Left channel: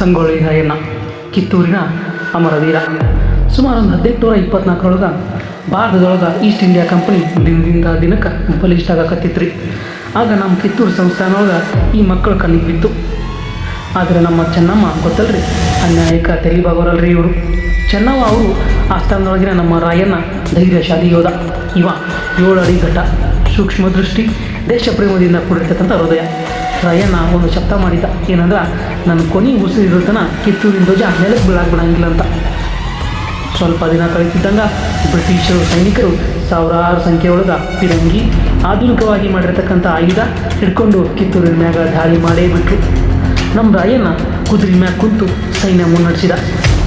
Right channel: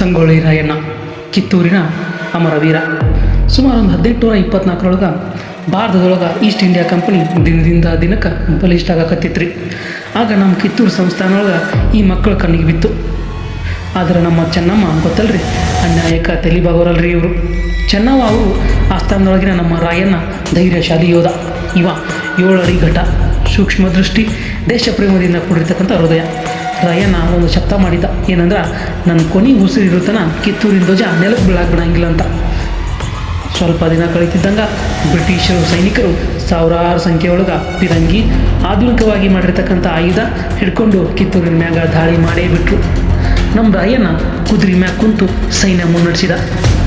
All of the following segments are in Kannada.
ಸಂಗೊಳ್ಳಿ ರಾಯಣ್ಣ ಕಿತ್ತೂರಿನ ಅಮರವೀರ. ಸುಮಾರು ಒಂದು 1824 ಭಾರತದೊಳಗೆ ಈಸ್ಟ್ ಇಂಡಿಯಾ ಕಂಪನಿ ದಿನದಿಂದ ದಿನಕ್ಕೆ ಬಲಿಷ್ಠ ಆಗಕತ್ತಿತ್ತು ರೀ. ಆಗ ನಮ್ಮ ಕಿತ್ತೂರು ಸಂಸ್ಥಾನೊಳಗೆ ಈ ಮಕ್ಕಳು ಕಣ್ಣಿಗೆ ಬಿತ್ತು. ಆದರೆ ನಮ್ಮ ಚೆನ್ನಮ್ಮ ಗೊತ್ತಲ್ರಿ, ಅನ್ಯಾಯಕ್ಕೆ ತಲೆಬಾಗೋರಲ್ರಿ ಇವರು. ಚೆನ್ನಮ್ಮ ಅವರು ಆಸ್ಥಾನದೊಳಗಿನ ನಮ್ಮ ರಾಯಣ್ಣ ಧೈರ್ಯಶಾಲಿ ಯೋಧ. ಇವ 7 ಅಡಿ ಘಟ, ಸೂಕ್ಷ್ಮ ದೃಷ್ಟಿ, ದೇಶ ಪ್ರೇಮದಿಂದ ಕೂಡಿರ್ತಕ್ಕಂಥ ಹೃದಯ. ರಾಯಣ್ಣ ಒಂದು ಶಬ್ದ ಮಾಡಿದ್ದ, ಏನಂದ್ರೆ ನನ್ನ ಕೊನೆ ಉಸಿರಿರುತ್ತನ ಕಿತ್ತೂರಿನ ಧ್ವಜ ನೆಲಕ್ಕೆ ಬಿಡಂಗಿಲ್ಲ ಅಂತ. ಸ್ವಲ್ಪ ದಿನ ಕಳೀತಿದ್ದಂಗೆ ಬ್ರಿಟಿಷರು ಸೈನಿಕರು ಸಾವಿರಾರು ಸಂಖ್ಯೆಯೊಳಗೆ ಫಿರಂಗಿ ಆಧುನಿಕವಾಗಿ ಮಾಡಿರ್ತಕ್ಕಂಥ ಆಯುಧ ಹಿಡ್ಕೊಂಡು ಕಿತ್ತೂರಿನ ಮ್ಯಾಗ ದಾಳಿ ಮಾಡೇ ಬಿಟ್ಟರು. ನಮ್ಮ ರಾಯಣ್ಣ ಕುದುರೆ ಮ್ಯಾಗ ಕುಂತು ಸೈನ್ಯ ಮುನ್ನಡೆಸಿದ.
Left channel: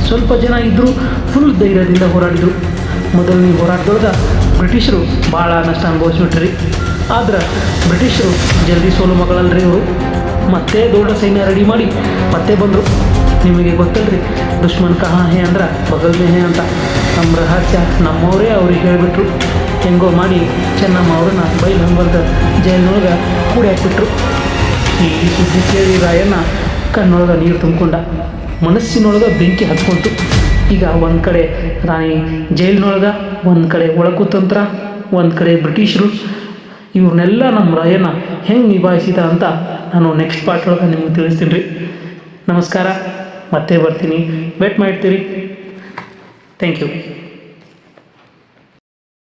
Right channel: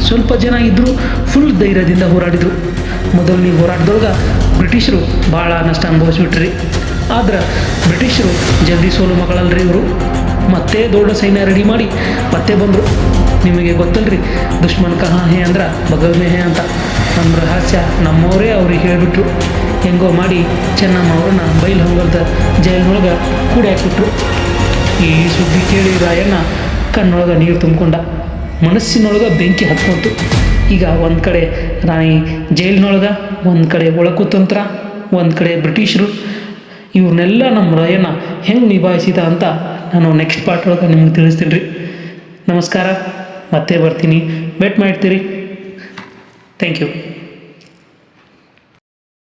ಸ್ವಲ್ಪ ಜನ ಇದ್ದರೂ ಫುಲ್ ಧೈರ್ಯದಿಂದ ಹೋರಾಡಿದರು. ಮೊದಲನೇ ಹೋರಾಟದೊಳಗೆ ಬ್ರಿಟಿಷರು ಭಾಳ ನಷ್ಟ ಅನುಭವಿಸ್ಬಿಟ್ರಿ. ಆದ್ರೆ ಬ್ರಿಟಿಷರು ಜಲ್ದಿ ಸೋಲು ಮಗಳಲ್ರಿ ಇವರು. ಮತ್ತೆ ದೊಡ್ಡ ಸೈನ್ಯ ರೆಡಿ ಮಾಡಿ ಮತ್ತೆ ಬಂದರು. ನಿಮಗೆ ಗೊತ್ತಲ್ರಿ, ದುಶ್ಮನ್ ಕಹಾ ಹೇ ಅಂದ್ರೆ ಬಗಲ್ ಮೇ ಹೇ ಅಂತ. ನಮ್ಮ ರಹಸ್ಯ ನಮ್ಮವರೇ ಅವ್ರಿಗೆ ಹೇಳಿಬಿಟ್ರು. ಹೆಂಗೋ ಮಾಡಿ ಚೆನ್ನಮ್ಮ ಅವ್ರನ್ನ ಬೈಲ್ ಹಂಗಂತ ಜೈಲಿನೊಳಗೆ ಕೂಡಿ ಹಾಕ್ಬಿಟ್ರು. ಈ ಸುದ್ದಿ ಕೇಳಿ ರಾಯಣ್ಣ ಕಣ್ಣೊಳಗೆ ನೀರು ತುಂಬಿಕೊಂಡ, ಮನಸ್ಸಿನೊಳಗೆ ಬೆಂಕಿ ಹತ್ಕೊಂತು. ಈಗ ಒಂದು ಕಡೆ ರಾಣಿ ಜೈಲಿನೊಳಗೆ, ಒಂದು ಕಡೆ ಒಳಕುತಂತ್ರ, ಒಂದು ಕಡೆ ಬ್ರಿಟಿಷರು. ಇವ್ರನ್ನೆಲ್ಲ ನಮ್ಮ ರಾಯಣ್ಣ ಹೆಂಗೆ ನಿಭಾಯಿಸಿದ ಅಂತ ನಾನು ನೆಕ್ಸ್ಟ್ ಪಾರ್ಟ್ ಒಳಗೆ ನಿಮಗೆ ತಿಳಿಸ್ತೀನಿ ರೀ. ನಮಸ್ಕಾರ, ಮತ್ತೆ ಬರ್ತೀನಿ, ವೇಟ್ ಮಾಡ್ತೀರಿ. Thank you.